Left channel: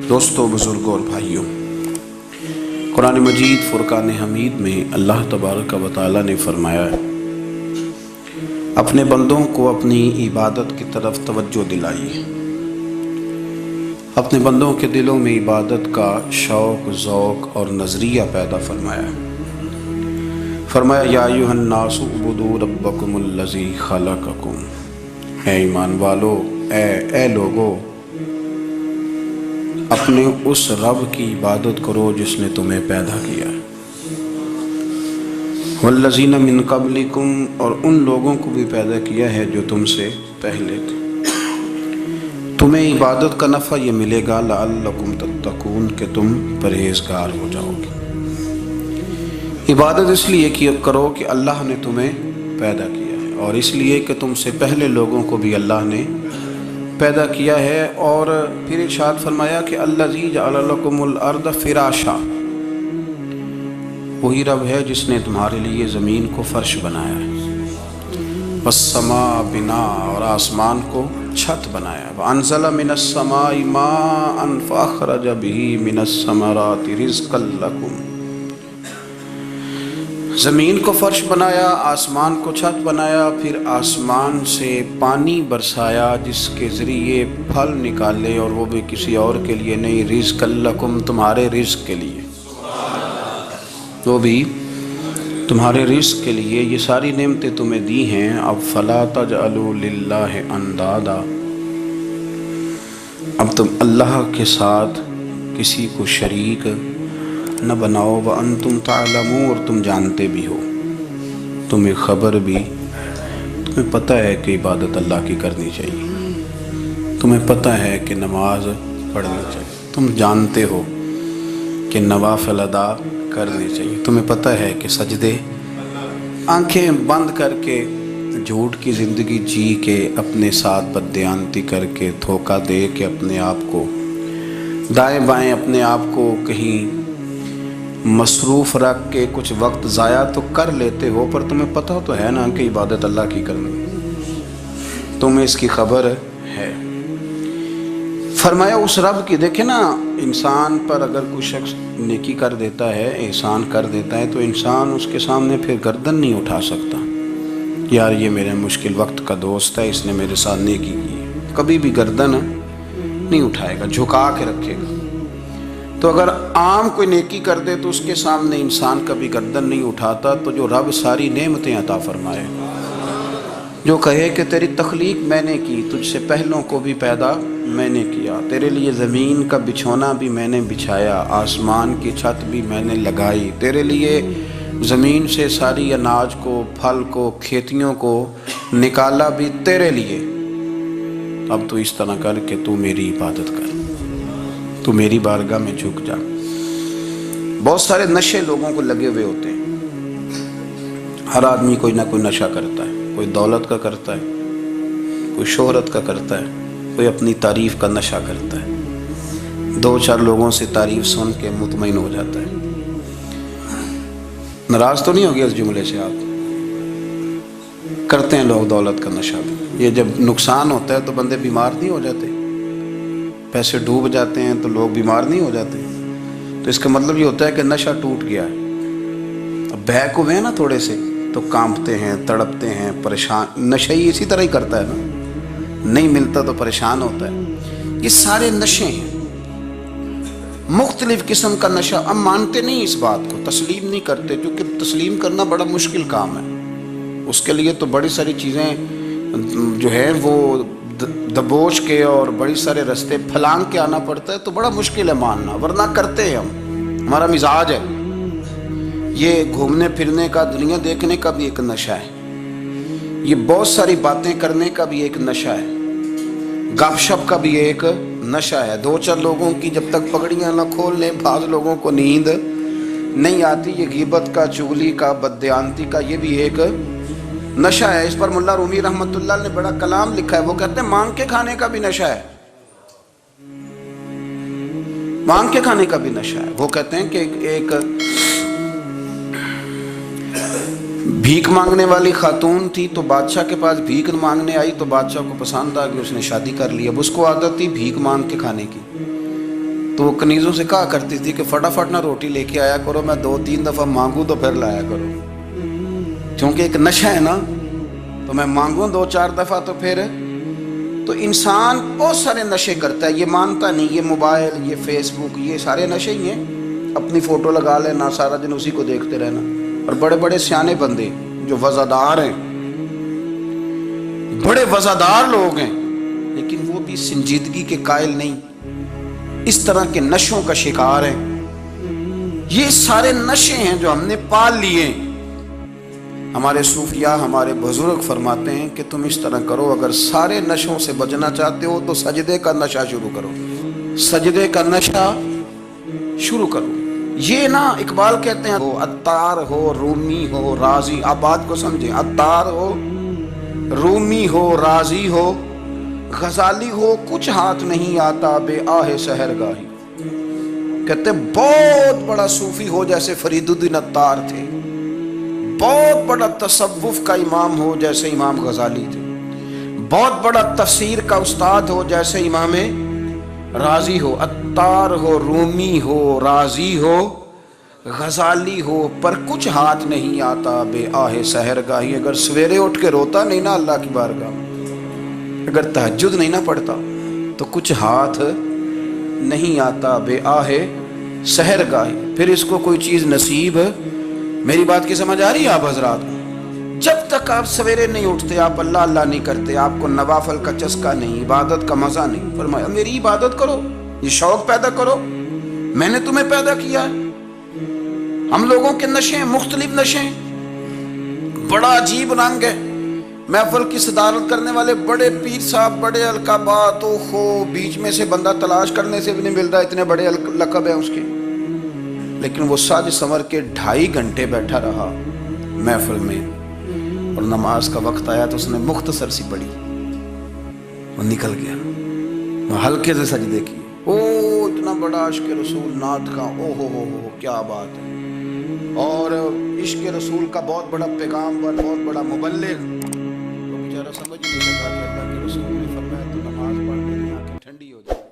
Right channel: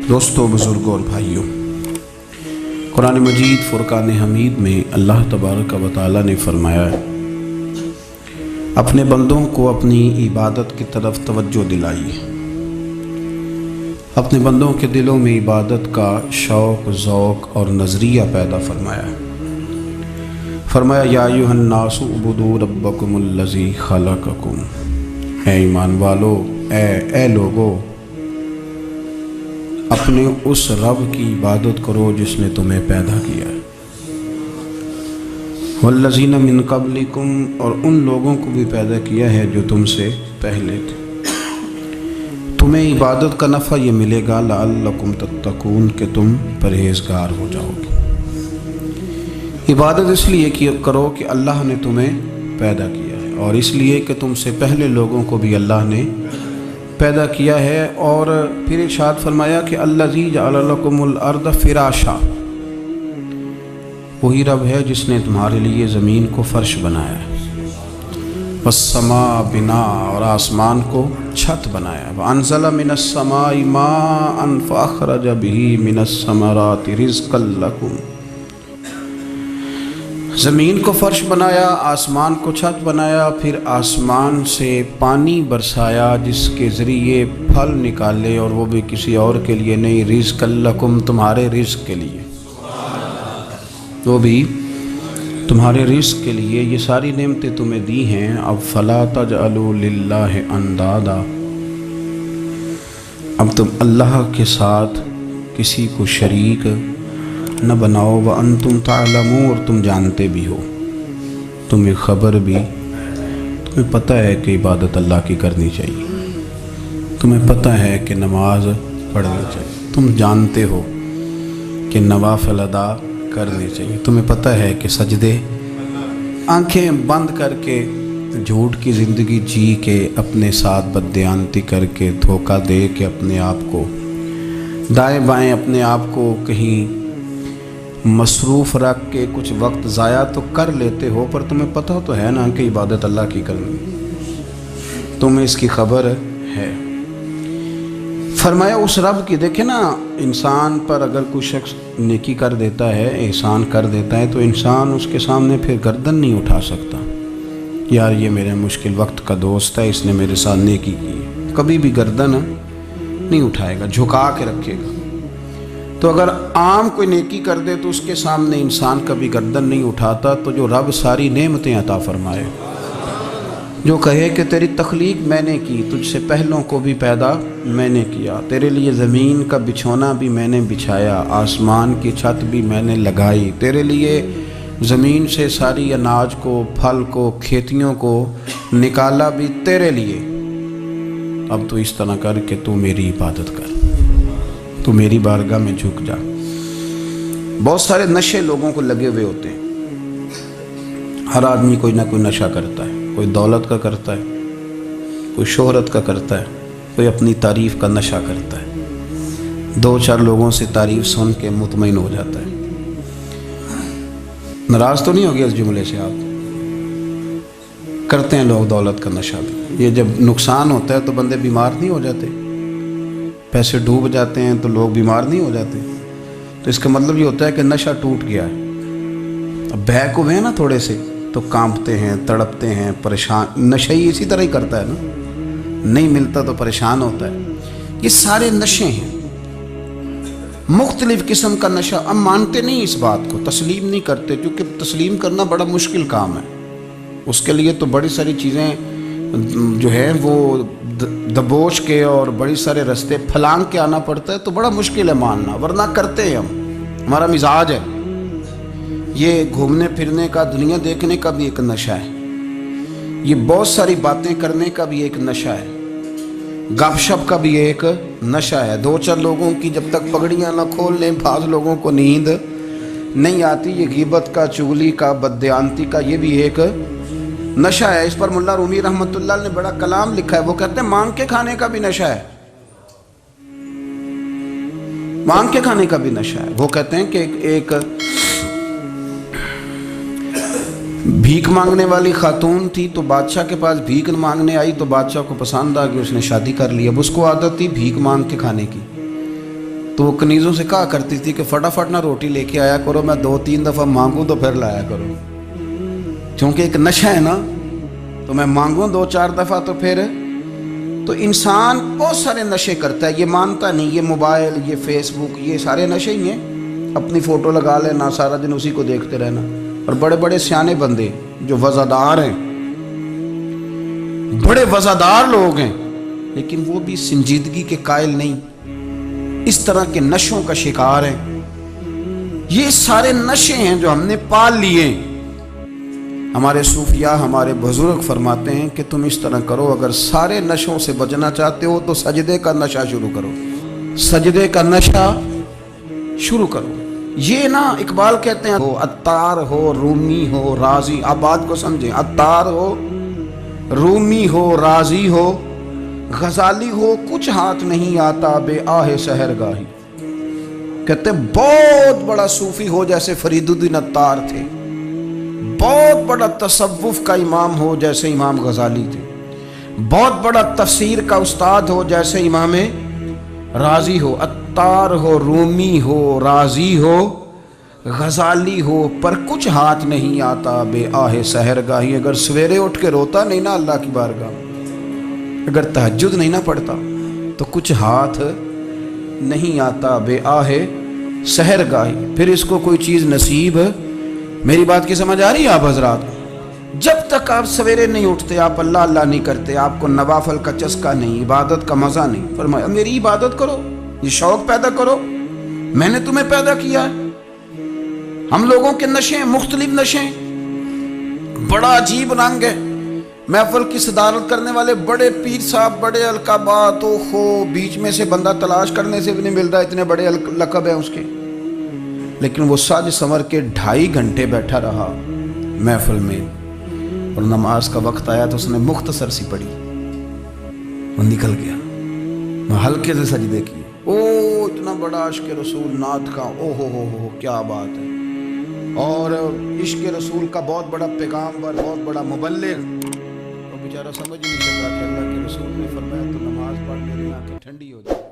دوستو، بزرگوں اور بھائیوں، قرآن مجید فرقان حمید میں اللہ تبارک و تعالی نے فرمایا ہے اپنے بندوں کو اپنی عبادت کی طرف توجہ دلائیے، اپنے بندوں کے دلوں میں عبادت کا شوق، ذوق اور نظریہ پیدا فرمایا یا ایھا الناس اعبدوا ربکم الذی خلقکم، اے ایمان والو، اے لوگو، اپنے اس رب کی عبادت کرو جس نے تمہیں پیدا کیا ہے، والذین من قبلکم، اور ان لوگوں کو بھی پیدا کیا ہے جو تم سے پہلے تھے، تمہیں عبادت کا نفع یہ ملے گا لعلکم تتقون، کہ تم پرہیزگار ہو جاؤ گے۔ عبادت اس لیے کرو کہ اللہ نے تمہیں پیدا کیا ہے، اور اس لیے کہ تم سے پہلے لوگوں کو بھی اللہ نے پیدا کیا ہے، اور پھر ارشاد فرمایا کہ الذی جعل لکم الارض فراشا، وہی رب ہے جس نے تمہارے لیے زمین کو فرش بنایا ہے، والسماء بناء، اور آسمان کو چھت بنایا ہے، وانزل من السماء ماء فاخرج به من الثمرات رزقا لکم، زمین کو فرش بنایا، آسمان کو چھت بنایا، پھر آسمان سے پانی برسایا جس کے ذریعے پھل نکالے، اور وہ بھی کسی اور کے لیے نہیں، رزق لکم، تمہارے رزق کے لیے، وہ بھی تمہارے رزق کے لیے۔ یہ ساری نعمتیں تمہیں دی ہیں، اب فلا تجعلوا للہ اندادا، اب تم اللہ کے ساتھ کسی کو شریک نہ بناؤ، وانتم تعلمون، اور تم جانتے بھی ہو، تمہیں خبر بھی، تمہیں پتہ ہے کہ عبادت اللہ کی کرنی چاہیے، تمہیں پتہ ہے کہ نماز پڑھنی چاہیے، تم جانتے ہو کہ نوافل ادا کرنے چاہیے، تمہیں پتہ ہے کہ سجدے آنکھیں بند کر کے جھوٹ کی زندگی جی کے، اپنے ساتھ بددیانتی کر کے، دھوکہ دے کے، اپنے آپ کو دائیں بائیں، اپنے آپ کو کہیں مصروف رکھ کے کچھ وقت ضائع تو کر لیتے ہو، پر تمہیں پتہ تو ہے نا کہ عبادت اللہ کی کرنی، تمہیں اس کی خبر ہے۔ فرمایا اس رب کی، دیکھیں نا، انسان پر اگر کوئی شخص نیکی کر دیتا ہے، احسان کر دیتا ہے، تو انسان اس کے سامنے پھر گردن نہیں اٹھا سکتا، یار یہ میرے مشکل وقت کا دوست ہے، اس نے میرے ساتھ نیکی کی ہے، کبھی بھی گردن نہیں اٹھائے گا، جھکا کے رکھے گا۔ تو اگر عام کوئی نیکی کر دے تو اس کے سامنے انسان کبھی گردن نہیں اٹھاتا، تو جو رب ساری نعمتیں عطا فرمائے، جو کہے کہ تیری تخلیق میں نے کی، تجھ سے پہلوں کو بھی پیدا میں نے کیا، تیرے لیے زمین کا بچھونا بھی میں نے بچھایا، آسمان کی چھت بھی میں نے لگائی، تیرے لیے زمین سے ساری اناج کو، پھل کو، کھیتیوں کو نکالا بھی تیرے لیے، اب تو اس طرح کر کہ تو میری عبادت کر، تو میری بارگاہ میں جھک جا۔ بہت سارے نشے لوگوں کو لگے ہوئے ہوتے ہیں، ہر آدمی کوئی نہ کوئی نشہ کرتا ہے، کوئی دولت کا کرتا ہے، کوئی شہرت کا کرتا ہے، کوئی اپنی تعریف کا نشہ کرتا ہے، دو چار لوگوں سے تعریف سن کے مطمئن ہو جاتا ہے۔ ناراض تو نہیں ہو گیا اس جملے سے؟ آپ کرتے ہیں لوگ دولت کا نشہ بھی، یہ جب نقصان ہوتا ہے تو بندے بیمار نہیں ہو جاتے، پیسے ڈوب جاتے ہیں تو لوگ بیمار نہیں ہو جاتے، تو اس کا مطلب یہ ہوتا ہے کہ نشہ ٹوٹ گیا ہے۔ اب بہک ہوئے ہیں نا تھوڑے سے تو کانپتے ہیں، تڑپتے ہیں، پریشان، نشہ ہی اسی طرح ہی کرتا ہے نا، نہیں ملتا تو پریشان ہوتا ہے۔ یہ سارے نشے ہیں، مختلف قسم کا نشہ۔ ہم مانتے نہیں اس بات کو، تسلیم نہیں کرتے، کیونکہ تسلیم کرنا بڑا مشکل کام ہے، اس کے لیے تو بڑی ساری چیزیں جو ہیں وہ دبوچ کے اور بڑی سارے رستے پھلانگ کے آنا پڑتا ہے، تو بڑا مشکل ہے ماننا، ورنہ کرتے ہیں ہم، ہمارا مزاج ہے۔ یہ گھومنے پھرنے کا، دنیا دیکھنے کا بھی ایک نشہ ہے، یہ بہت ساری باتیں کرنے کا بھی ایک نشہ ہے، گپ شپ کا بھی ایک نشہ ہے، دو چار لوگوں کی جب تک پگڑیاں نہ کھول لیں بعض لوگوں کو نیند نہیں آتی، یہ غیبت کا، چغلی کا، بددیانتی کا، یہ بھی ایک نشہ ہے۔ اس پر ملا رومی رحمۃ اللہ نے بڑا کلام لکھا ہے، وہ کہتے ہیں مانگ کے کھانے کا بھی نشہ ہے، مانگ کے کھانے کا بھی نشہ ہے۔ وہ کہتے ہیں کہ ایک بھیک مانگنے والی خاتون تھی، تو بادشاہ کے پاس بھیک مانگنے آئی، تو بادشاہ کو پسند آ گئی، اس نے شادی کر لی۔ اب اس کو عادت تھی بھیک مانگ کے کھانے کی، تو وہ کنیزوں سے کہا کرتی تھی کہ فٹافٹ نہ روٹی لے کے آیا کرو، میں 2-3 دفعہ مانگوں تو پھر لایا کرو، کیونکہ ایک نشہ ہے نا، تو میں مانگوں 2-4 دفعہ تو پھر تو انسان بہت سارے نشے کرتا ہے، یہ مانتا نہیں، یہ موبائل، یہ فیس بک، یہ سارے نشے ہی ہیں۔ اپنی فوٹو لگا لینا، سارا دن اسی کو دیکھتے رہنا، اور بڑے بڑے سیانے بندے جو وزادار ہیں، بڑے وزادار لوگ ہیں، لیکن وہ بھی سنجیدگی کے قائل نہیں، اس طرح کے نشوں کا شکار ہیں۔ یہ سارے نشے ہیں جو ہم نے پال لیے۔ ہمارے صوفیاء، ہمارے بزرگ فرماتے ہیں کہ تم اس طرح کرو، اگر سارے نشوں سے بچنا چاہتے ہو تو سجدے کا نشہ شروع کرو، سجدے کا نشہ شروع کرو۔ یہ نا اقبال کہتے ہیں عطار ہو، رومی ہو، رازی، آپ بات کو سمجھیں، عطار ہو، رومی ہو، رازی ہو، غزالی ہو، کچھ ہاتھ نہیں آتا بے آہ سحرگاہی۔ کہتے بہت بڑا صوفی ہو جیسے فرید الدین عطار تھے، بہت بڑا تصوف کا امام ہو جیسے امام غزالی تھے، بہت بڑا تفسیر کا استاد ہو جیسے امام رازی ہو، عطار ہو، رومی ہو، رازی ہو، غزالی ہو، پر کچھ ہاتھ نہیں آتا بے آہ سحرگاہی۔ اگر سویرے اٹھ کے روتا نہیں نا اللہ کی بارگاہ میں، اگر تہجد نہیں نہ پڑھتا تو کچھ ہاتھ نہیں آتا بے آہ سحرگاہی، پھر اس کو کوئی چیز نصیب۔ میری بات کی سمجھ آ رہی ہے آپ حضرات؟ جب تک آپ سویرے نہیں اٹھتے، آپ اللہ اللہ نہیں کرتے، آپ کو نوافل کا چسکا نہیں، عبادت کا مزہ نہیں، فرمایا میری عبادت کرو، یہ شوق پیدا کرو، میں نے تمہیں پیدا کیا ہے۔ ہم لوگوں کے نشے، مختلف نشے، بڑا عجیب رنگ ہے۔ محفل کی صدارت کرنے والے بڑے پیر صاحب، بڑے القابات، بیچ میں سے بندہ تلاش کرنے سے بھی نہیں مل رہا، اتنے بڑے لقب ہیں اس کے، لیکن وہ سج سنور کے 2.5 گھنٹے بیٹھا رہا محفل میں، اور نماز کا وقت آیا تو اس نے مختصر سی پڑھی، وہ نکل گیا، وہ ہلکے سے سجدے کیے۔ اتنا بڑا عشق رسول نعت کا، ہو کیا بات ہے، اور عشق رسول کا بہت بڑا پیغامبر، بہت بڑا مبلغ، وہ بیچارہ سمجھ نہیں سکا کہ اللہ کے رسول نے فرمایا تو نماز پڑھ میری آنکھیں ٹھنڈی ہو جائیں۔